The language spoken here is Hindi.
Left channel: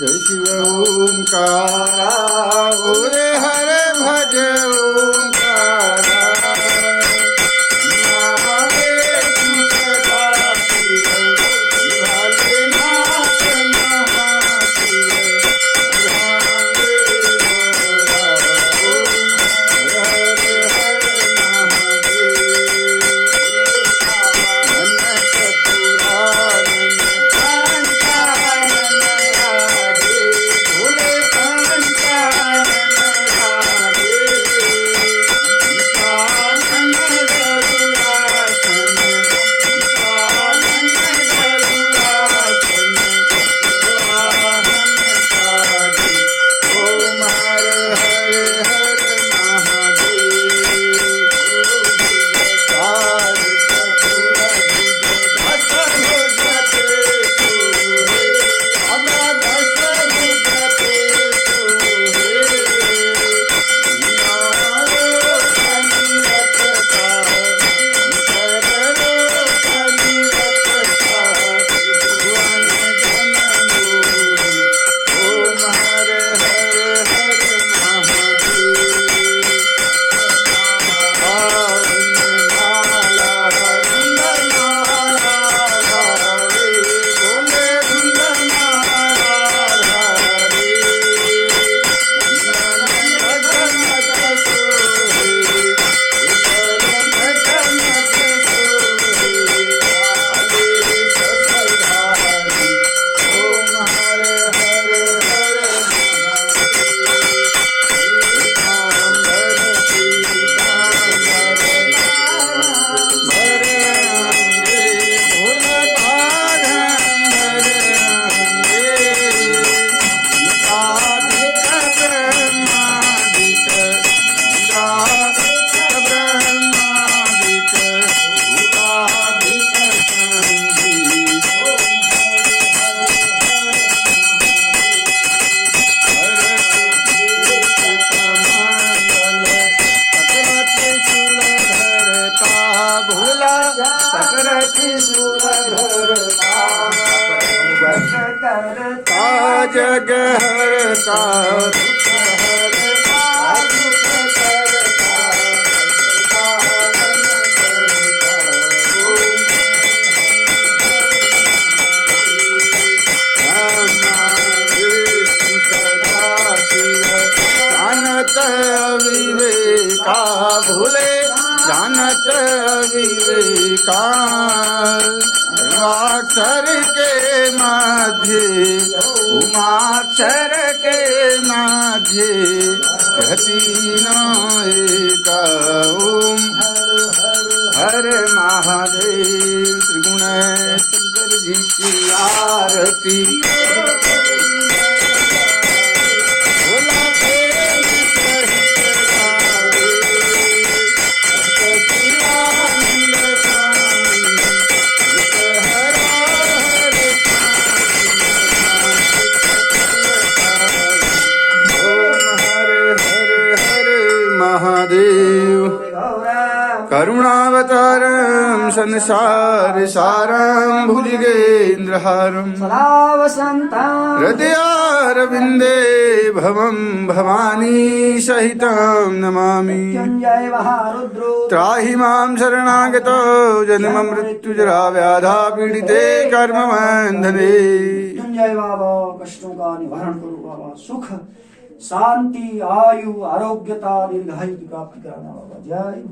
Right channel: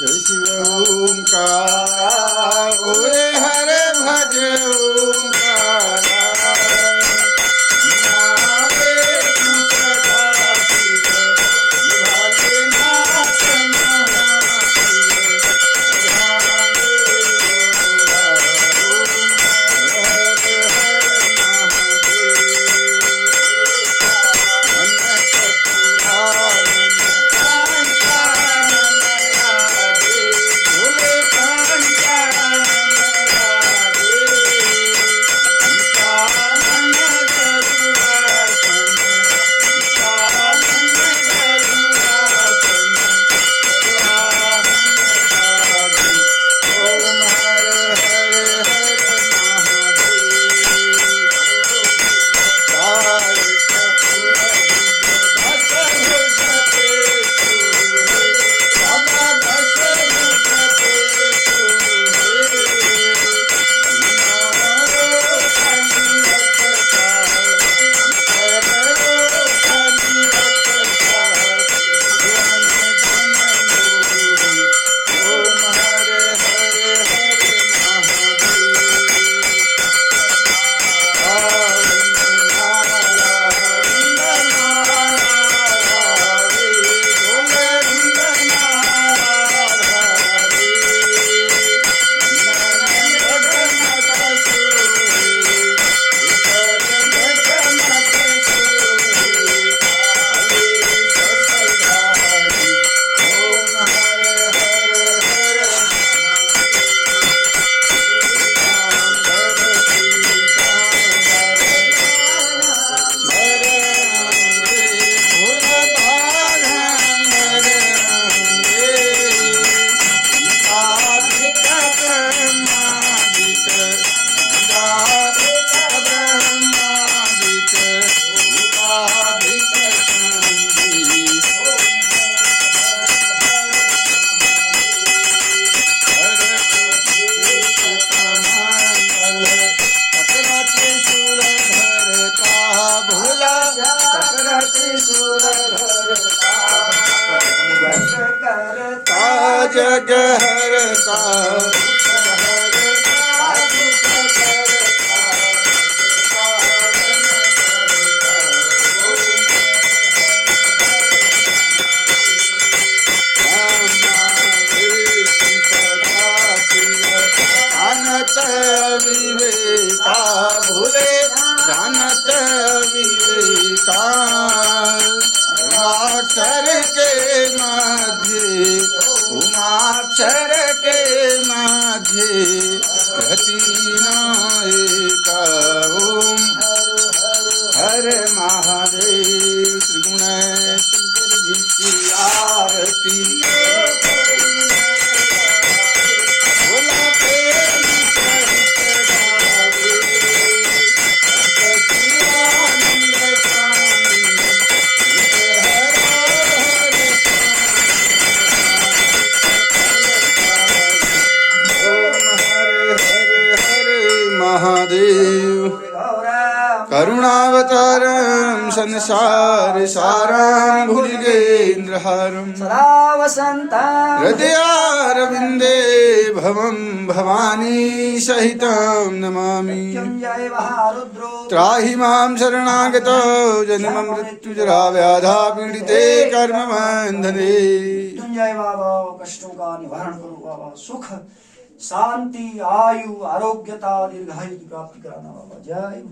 जय शिव ओंकारा ओरे हरे भज ओंकारा नामे तू सदा शिव भोलेनाथ महाशिव रामे गोरा ओम हर हर महादेव मन चतुरानन जग हरता जानत विवेका भूले जानत विवेका उमाक्षर के माध्य उमाक्षर के माध्य एक ओम हर महादेव त्रिगुण शंकर जी की आरती भोला प्रेम सहित गावे सच्चिदानंद स्वामी हरा हर ओम हर हर हर महादेव करुणावतारं संसार सारं भुजगेन्द्रहारं सदा वसन्तं हृदयारविन्दे भवं भवानी सहितं नमामि मृत्युञ्जय महारुद्रो त्राहि मां शरणागतो जन्ममृत्युजरा व्याधा पीडिते कर्मबन्धने मृत्युंजय बाबा कष्टों का निवारण करो बाबा सुख शांति आयु आरोग्यता दीर्घायु की प्राप्ति कराना बाबा जय